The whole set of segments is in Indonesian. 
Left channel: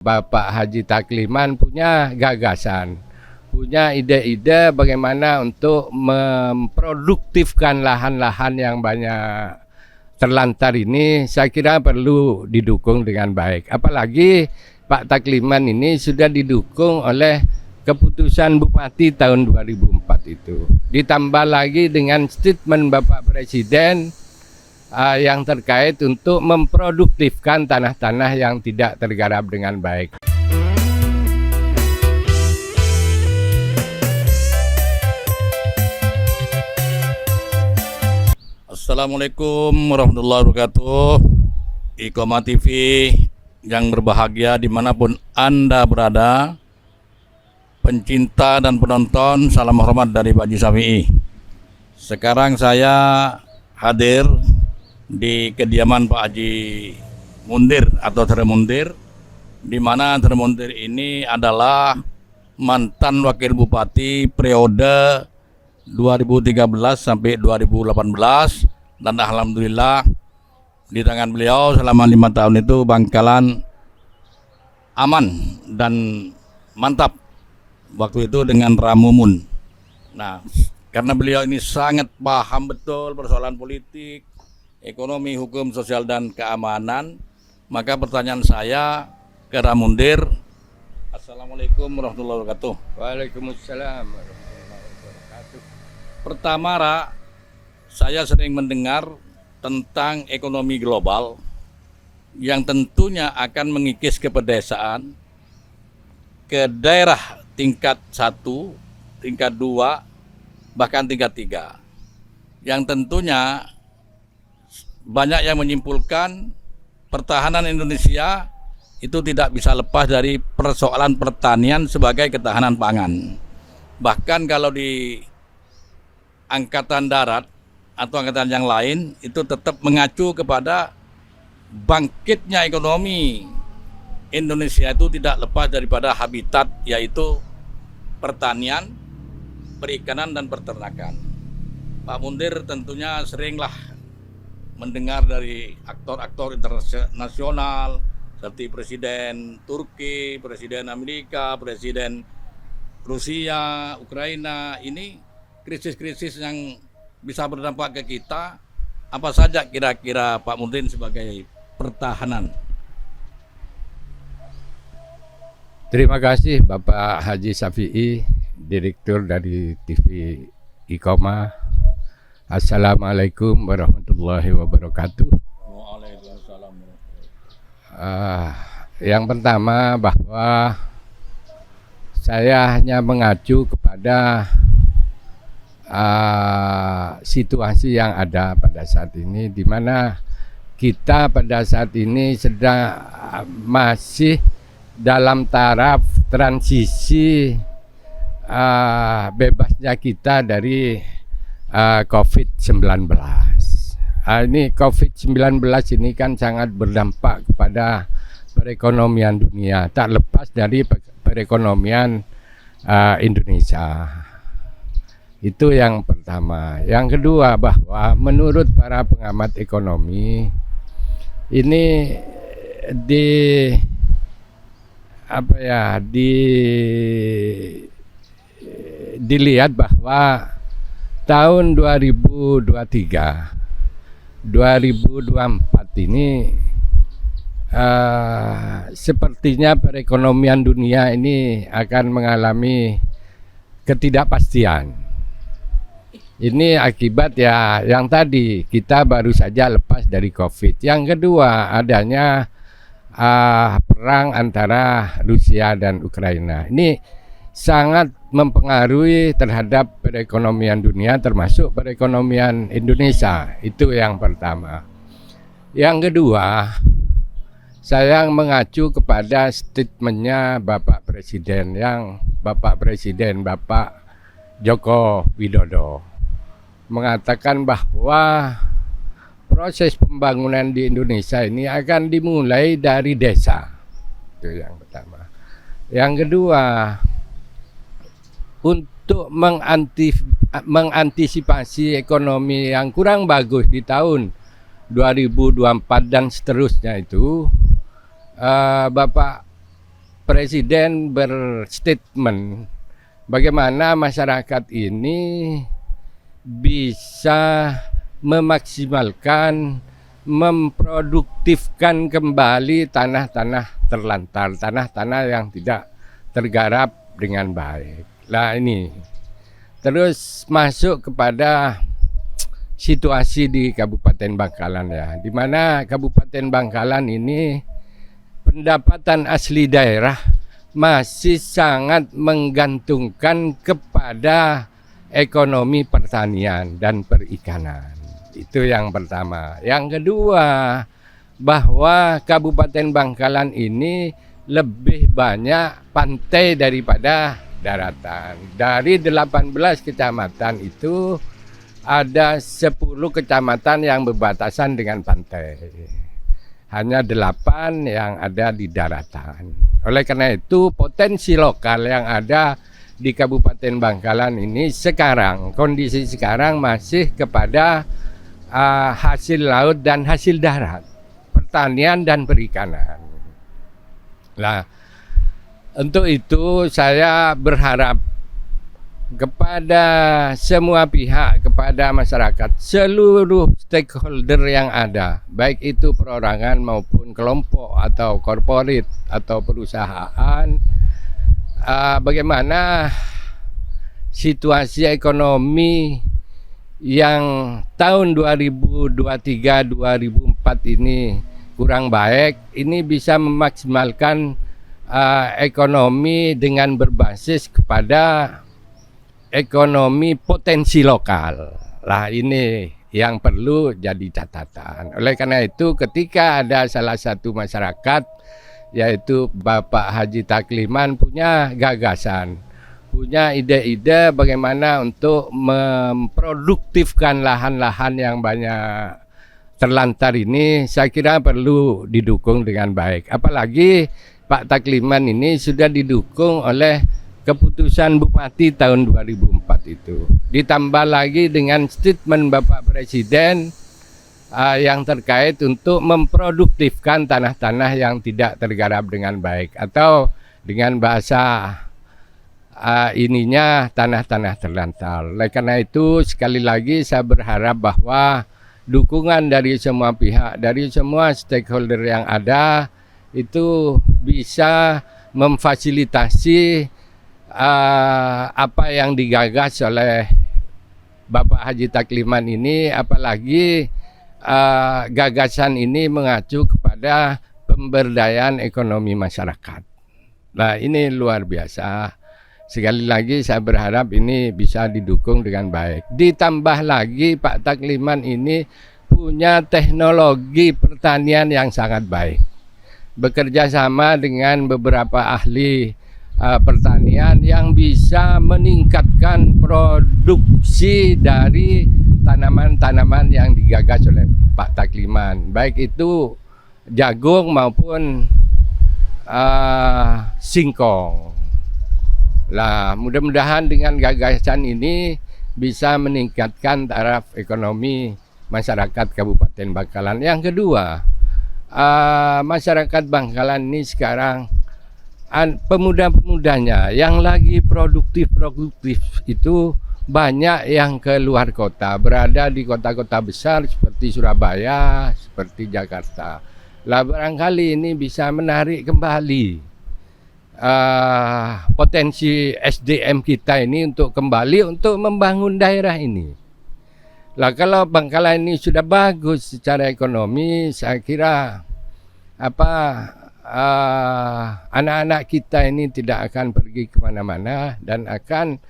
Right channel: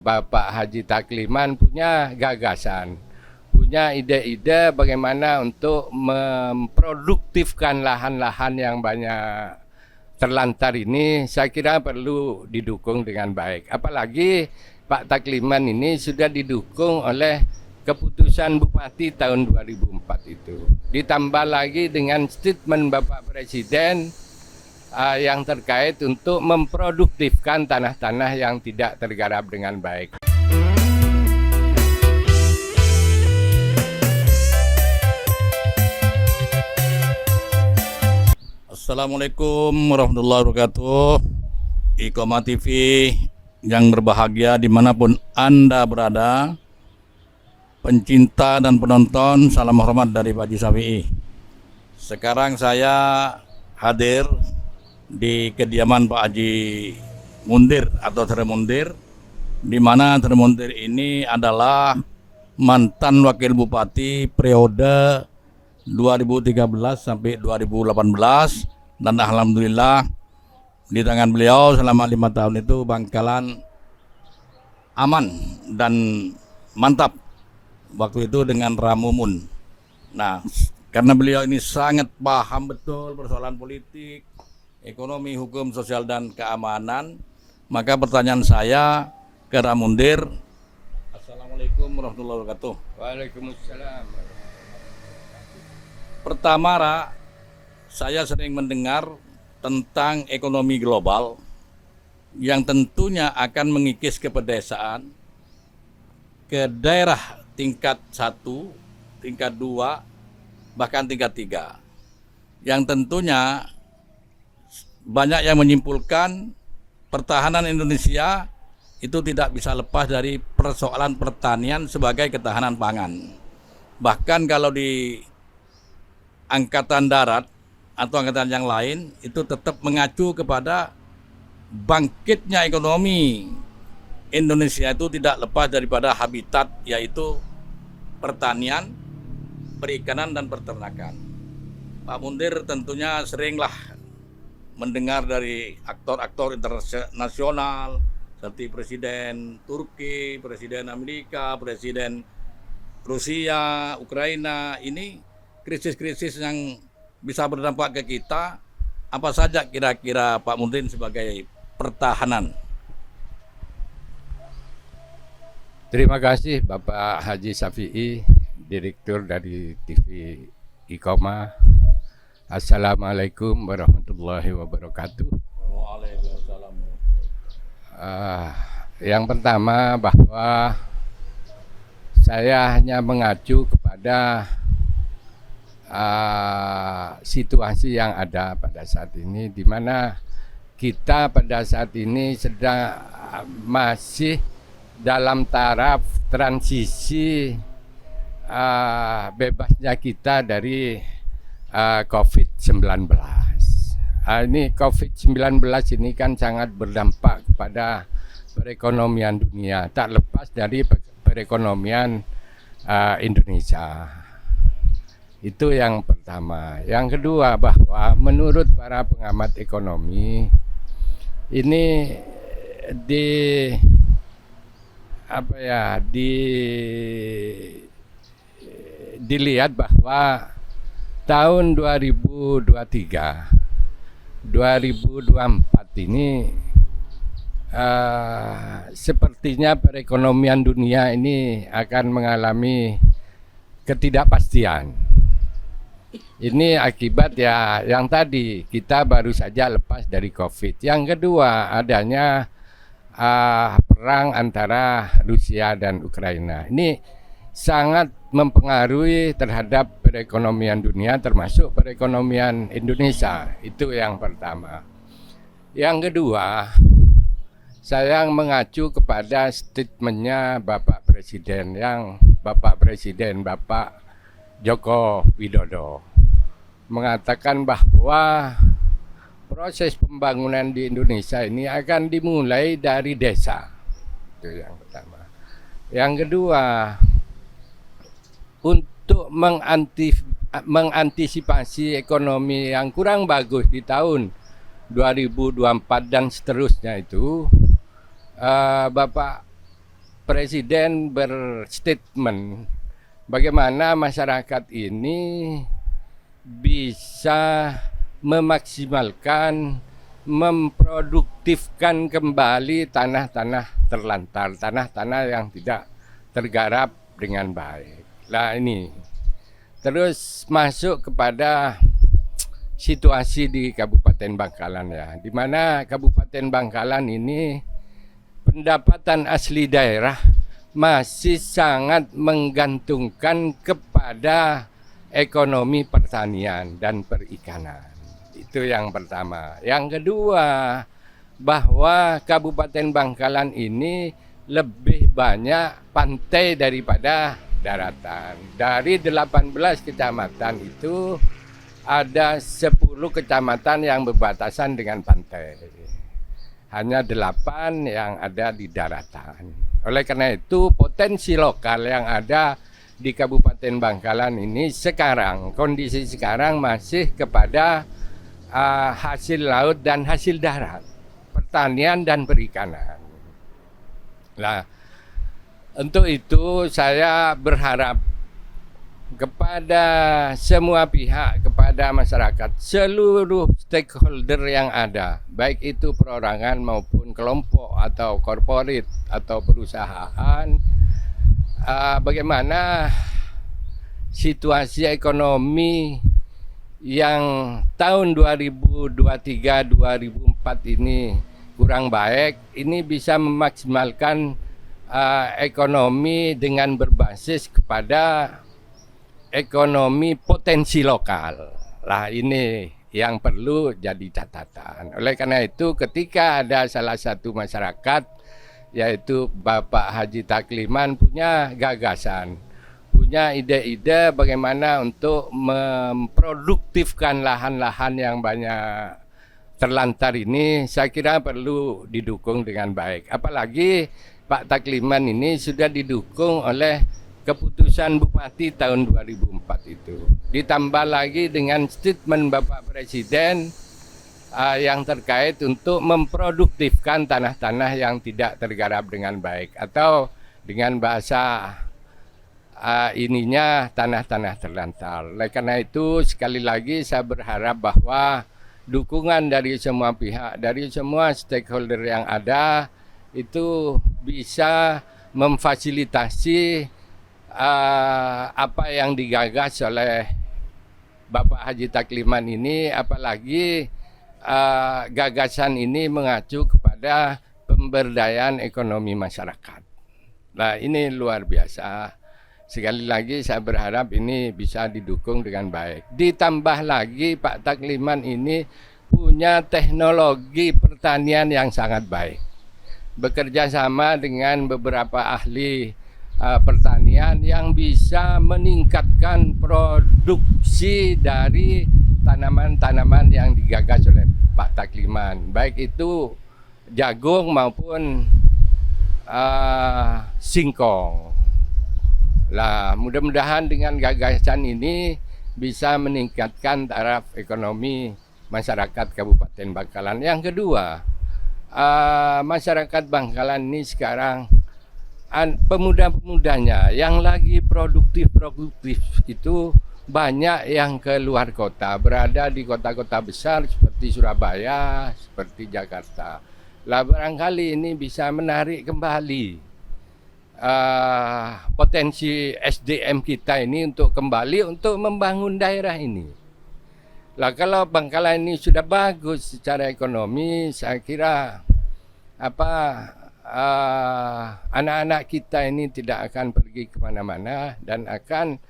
Bapak Haji Takliman punya gagasan, punya ide-ide bagaimana untuk memproduktifkan lahan-lahan yang banyak terlantar ini. Saya kira perlu didukung dengan baik. Apalagi Pak Takliman ini sudah didukung oleh keputusan Bupati tahun 2004 itu. Ditambah lagi dengan statement Bapak Presiden yang terkait untuk memproduktifkan tanah-tanah yang tidak tergarap dengan baik. Assalamualaikum warahmatullahi wabarakatuh. Iqomah TV yang berbahagia dimanapun Anda berada, pencinta dan penonton, salam hormat dari Pak Haji Syafi'i. Sekarang saya hadir di kediaman Pak Haji Mundir atau Tere Mundir, di mana Tere Mundir ini adalah mantan wakil bupati periode 2013 sampai 2018, dan alhamdulillah di tangan beliau selama 5 tahun itu Bangkalan aman dan mantap waktu itu dengan Ramumun. Nah, karena beliau ini sangat paham betul persoalan politik, ekonomi, hukum, sosial, dan keamanan, maka pertanyaan saya ke Ramundir. Assalamualaikum warahmatullahi wabarakatuh. Waalaikumsalam warahmatullahi wabarakatuh. Pertama, saya sering mendengar tentang ekonomi global yang tentunya akan mengikis ke pedesaan, ke daerah tingkat 1, tingkat 2, bahkan tingkat 3. Yang tentunya banyak yang menyimpulkan pertahanan Indonesia itu tidak bisa lepas dari persoalan pertanian sebagai ketahanan pangan. Bahkan kalau di angkatan darat atau angkatan yang lain itu tetap mengacu kepada bangkitnya ekonomi Indonesia itu tidak lepas daripada habitat, yaitu pertanian, perikanan, dan peternakan. Pak Mundir tentunya seringlah mendengar dari aktor-aktor internasional seperti Presiden Turki, Presiden Amerika, Presiden Rusia, Ukraina. Ini krisis-krisis yang bisa berdampak ke kita. Apa saja kira-kira Pak Mundir sebagai pertahanan? Terima kasih Bapak Haji Syafi'i, Direktur dari TV Iqomah. Assalamualaikum warahmatullahi wabarakatuh. Waalaikumsalam. Yang pertama, bahwa saya hanya mengacu kepada situasi yang ada pada saat ini, di mana kita pada saat ini sedang masih dalam taraf transisi bebasnya kita dari COVID-19. Ini COVID-19 ini kan sangat berdampak kepada perekonomian dunia, tak lepas dari perekonomian Indonesia. Itu yang pertama. Yang kedua, bahwa menurut para pengamat ekonomi ini dilihat bahwa tahun 2023, 2024 ini sepertinya perekonomian dunia ini akan mengalami ketidakpastian. Ini akibat ya yang tadi, kita baru saja lepas dari COVID. Yang kedua, adanya perang antara Rusia dan Ukraina. Ini sangat mempengaruhi terhadap perekonomian dunia, termasuk perekonomian Indonesia. Itu yang pertama. Yang kedua, saya mengacu kepada statementnya Bapak Presiden, Bapak Joko Widodo mengatakan bahwa proses pembangunan di Indonesia ini akan dimulai dari desa. Itu yang pertama. Yang kedua, untuk mengantisipasi ekonomi yang kurang bagus di tahun 2024 dan seterusnya itu, Bapak Presiden berstatement bagaimana masyarakat ini bisa memaksimalkan, memproduktifkan kembali tanah-tanah terlantar, tanah-tanah yang tidak tergarap dengan baik. Nah ini, terus masuk kepada situasi di Kabupaten Bangkalan ya, di mana Kabupaten Bangkalan ini pendapatan asli daerah masih sangat menggantungkan kepada ekonomi pertanian dan perikanan. Itu yang pertama. Yang kedua, bahwa Kabupaten Bangkalan ini lebih banyak pantai daripada daratan. Dari 18 kecamatan itu ada 10 kecamatan yang berbatasan dengan pantai. Hanya 8 yang ada di daratan. Oleh karena itu potensi lokal yang ada di Kabupaten Bangkalan ini sekarang, kondisi sekarang masih kepada hasil laut dan hasil darat, pertanian dan perikanan. Nah, untuk itu saya berharap kepada semua pihak, kepada masyarakat, seluruh stakeholder yang ada, baik itu perorangan maupun kelompok atau korporat atau perusahaan, bagaimana situasi ekonomi yang tahun 2023-2024 ini kurang baik, ini bisa memaksimalkan ekonomi dengan berbasis kepada ekonomi potensi lokal. Lah ini yang perlu jadi catatan. Oleh karena itu ketika ada salah satu masyarakat, yaitu Bapak Haji Takliman punya gagasan, punya ide-ide bagaimana untuk memproduktifkan lahan-lahan yang banyak terlantar ini, saya kira perlu didukung dengan baik. Apalagi Pak Takliman ini sudah didukung oleh keputusan Bupati tahun 2004 itu. Ditambah lagi dengan statement Bapak Presiden yang terkait untuk memproduktifkan tanah-tanah yang tidak tergarap dengan baik, atau dengan bahasa ininya tanah-tanah terlantar. Oleh karena itu sekali lagi saya berharap bahwa dukungan dari semua pihak, dari semua stakeholder yang ada itu bisa memfasilitasi apa yang digagas oleh Bapak Haji Takliman ini, apalagi gagasan ini mengacu kepada pemberdayaan ekonomi masyarakat. Nah ini luar biasa. Sekali lagi saya berharap ini bisa didukung dengan baik. Ditambah lagi Pak Takliman ini punya teknologi pertanian yang sangat baik. Bekerja sama dengan beberapa ahli pertanian yang bisa meningkatkan produksi dari tanaman-tanaman yang digagas oleh Pak Takliman. Baik itu jagung maupun singkong. Lah, mudah-mudahan dengan gagasan ini bisa meningkatkan taraf ekonomi masyarakat Kabupaten Bangkalan. Yang kedua, masyarakat Bangkalan ini sekarang pemuda-pemudanya yang lagi produktif itu banyak yang ke luar kota, berada di kota-kota besar seperti Surabaya, seperti Jakarta. Lah barangkali ini bisa menarik kembali potensi SDM kita ini untuk kembali untuk membangun daerah ini. Lah kalau Bangkalan ini sudah bagus secara ekonomi, saya kira anak-anak kita ini tidak akan pergi kemana-mana dan akan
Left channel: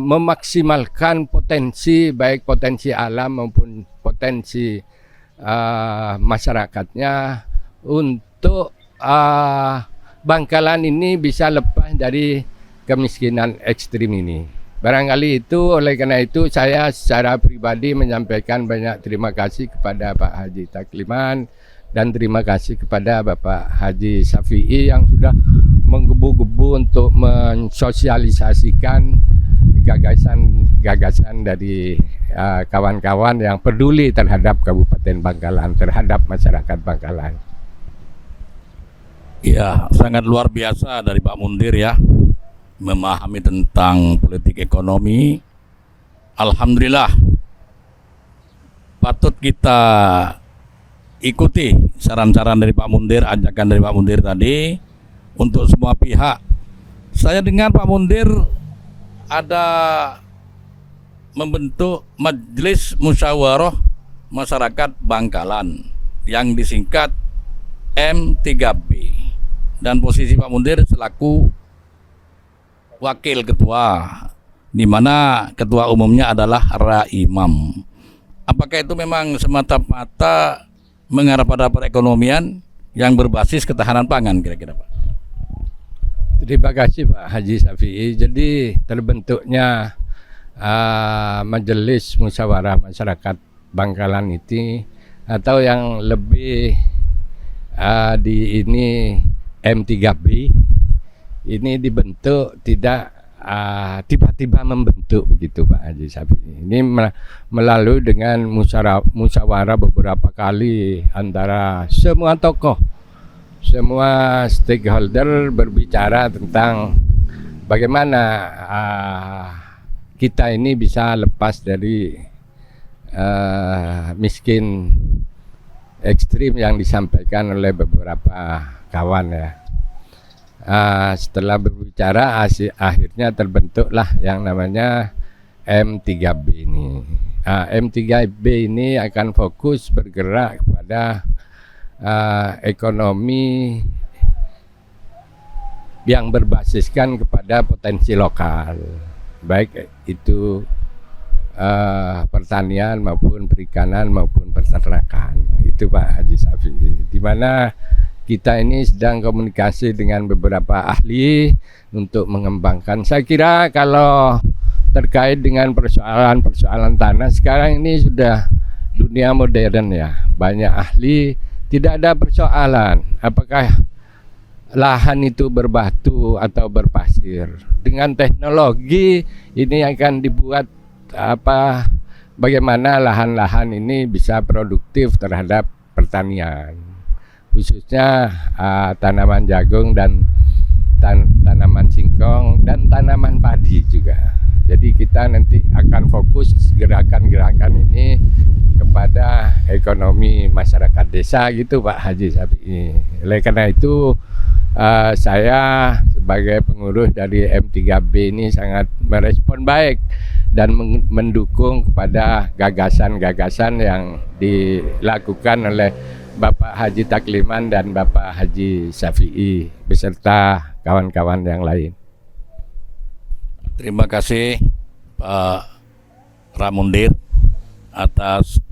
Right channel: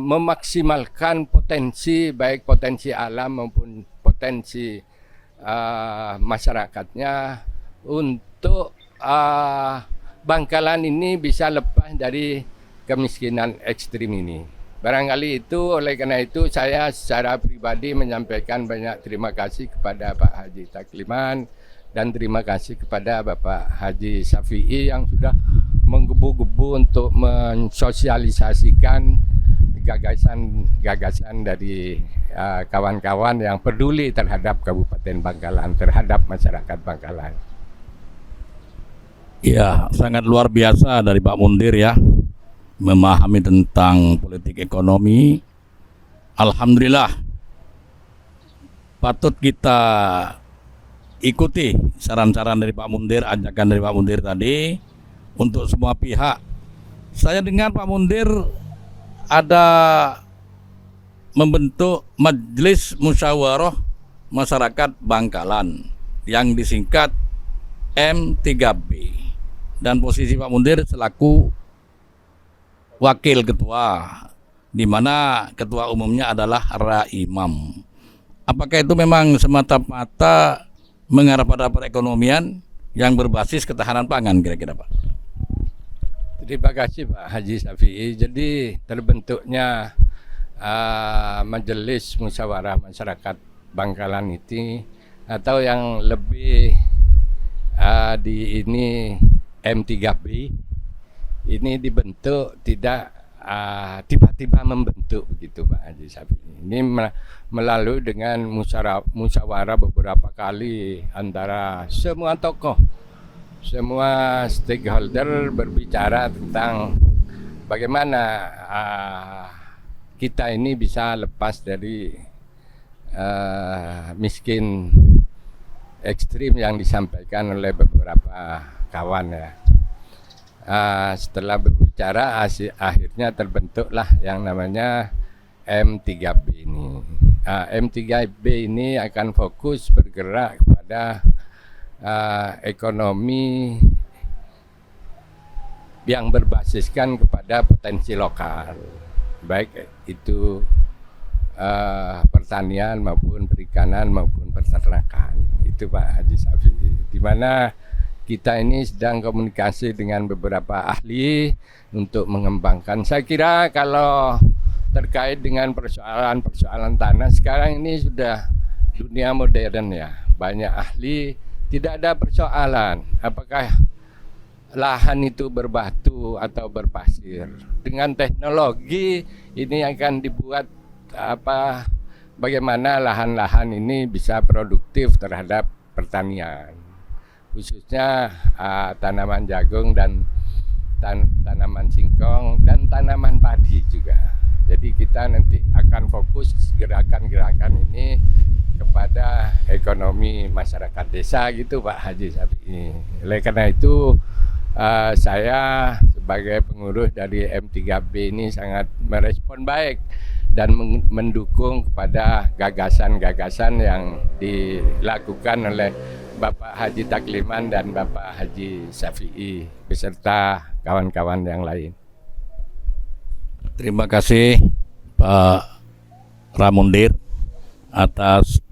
memaksimalkan potensi, baik potensi alam maupun potensi masyarakatnya untuk Bangkalan ini bisa lepas dari kemiskinan ekstrim ini. Barangkali itu, oleh karena itu saya secara pribadi menyampaikan banyak terima kasih kepada Pak Haji Takliman dan terima kasih kepada Bapak Haji Syafi'i yang sudah menggebu-gebu untuk mensosialisasikan gagasan dari kawan-kawan yang peduli terhadap Kabupaten Bangkalan, terhadap masyarakat Bangkalan. Ya, sangat luar biasa dari Pak Mundir ya, memahami tentang politik ekonomi. Alhamdulillah, patut kita ikuti saran-saran dari Pak Mundir, ajakan dari Pak Mundir tadi untuk semua pihak. Saya dengar Pak Mundir ada membentuk Majelis Musyawarah Masyarakat Bangkalan yang disingkat M3B, dan posisi Pak Mundir selaku wakil ketua, di mana ketua umumnya adalah Raimam. Apakah itu memang semata-mata mengarah pada perekonomian yang berbasis ketahanan pangan kira-kira Pak? Terima kasih Pak Haji Syafi'i. Jadi terbentuknya Majelis Musyawarah Masyarakat Bangkalan itu, atau yang lebih di ini M3B, ini dibentuk tidak tiba-tiba membentuk begitu Pak Haji Syafi'i. Ini melalui dengan musyawarah beberapa kali antara semua tokoh, semua stakeholder berbicara tentang bagaimana kita ini bisa lepas dari miskin ekstrim yang disampaikan oleh beberapa kawan ya. Setelah berbicara akhirnya terbentuklah yang namanya M3B ini. M3B ini akan fokus bergerak kepada ekonomi yang berbasiskan kepada potensi lokal, baik itu pertanian maupun perikanan maupun peternakan. Itu Pak Haji Syafi'i, di mana kita ini sedang komunikasi dengan beberapa ahli untuk mengembangkan. Saya kira kalau terkait dengan persoalan tanah sekarang ini sudah dunia modern ya, banyak ahli, tidak ada persoalan apakah lahan itu berbatu atau berpasir. Dengan teknologi ini akan dibuat bagaimana lahan-lahan ini bisa produktif terhadap pertanian, khususnya tanaman jagung dan tanaman singkong dan tanaman padi juga. Jadi kita nanti akan fokus gerakan-gerakan ini kepada ekonomi masyarakat desa gitu Pak Haji Syafi'i. Oleh karena itu saya sebagai pengurus dari M3B ini sangat merespon baik dan mendukung kepada gagasan-gagasan yang dilakukan oleh Bapak Haji Takliman dan Bapak Haji Syafi'i beserta kawan-kawan yang lain. Terima kasih Pak Ramundir atas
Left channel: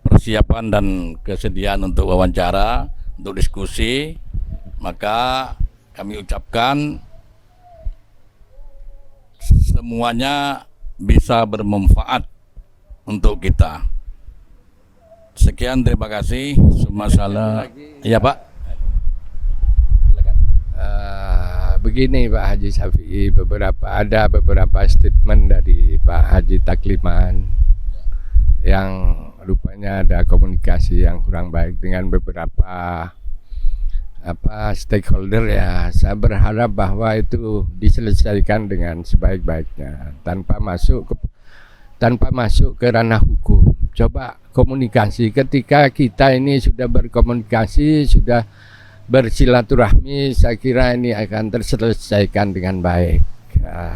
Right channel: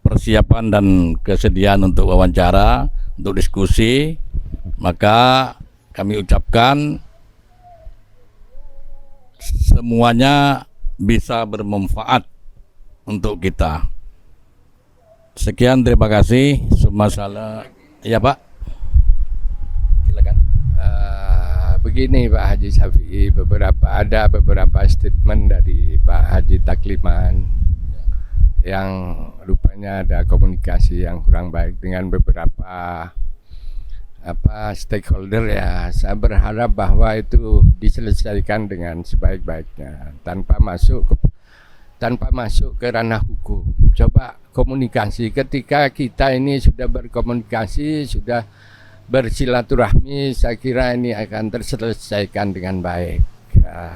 persiapan dan kesediaan untuk wawancara, untuk diskusi. Maka kami ucapkan semuanya bisa bermanfaat untuk kita. Sekian, terima kasih. Sumasalah. Ya Pak. Silakan. Begini Pak Haji Syafi'i, ada beberapa statement dari Pak Haji Takliman yang rupanya ada komunikasi yang kurang baik dengan beberapa stakeholder ya. Saya berharap bahwa itu diselesaikan dengan sebaik-baiknya tanpa masuk ke ranah hukum. Coba komunikasi, ketika kita ini sudah berkomunikasi, sudah bersilaturahmi, saya kira ini akan terselesaikan dengan baik.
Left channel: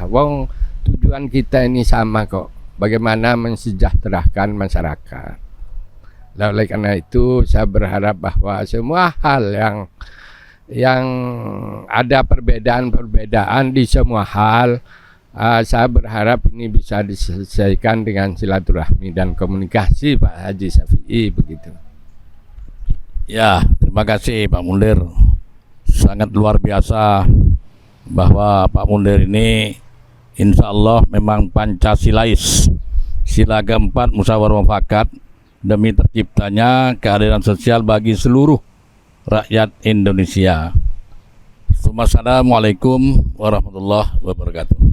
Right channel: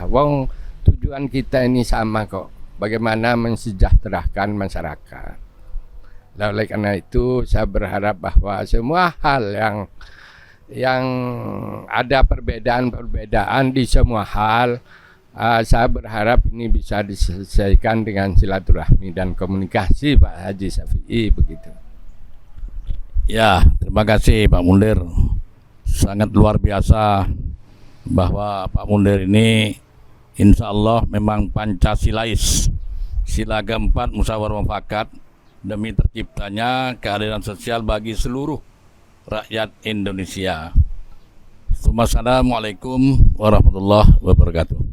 Wong tujuan kita ini sama kok, bagaimana mensejahterakan masyarakat. Oleh karena itu saya berharap bahwa semua hal yang ada perbedaan di semua hal, saya berharap ini bisa diselesaikan dengan silaturahmi dan komunikasi Pak Haji Syafi'i begitu. Ya, terima kasih Pak Mundir. Sangat luar biasa bahwa Pak Mundir ini insya Allah memang Pancasilais, sila keempat musyawarah mufakat demi terciptanya keadilan sosial bagi seluruh rakyat Indonesia. Assalamualaikum warahmatullahi wabarakatuh.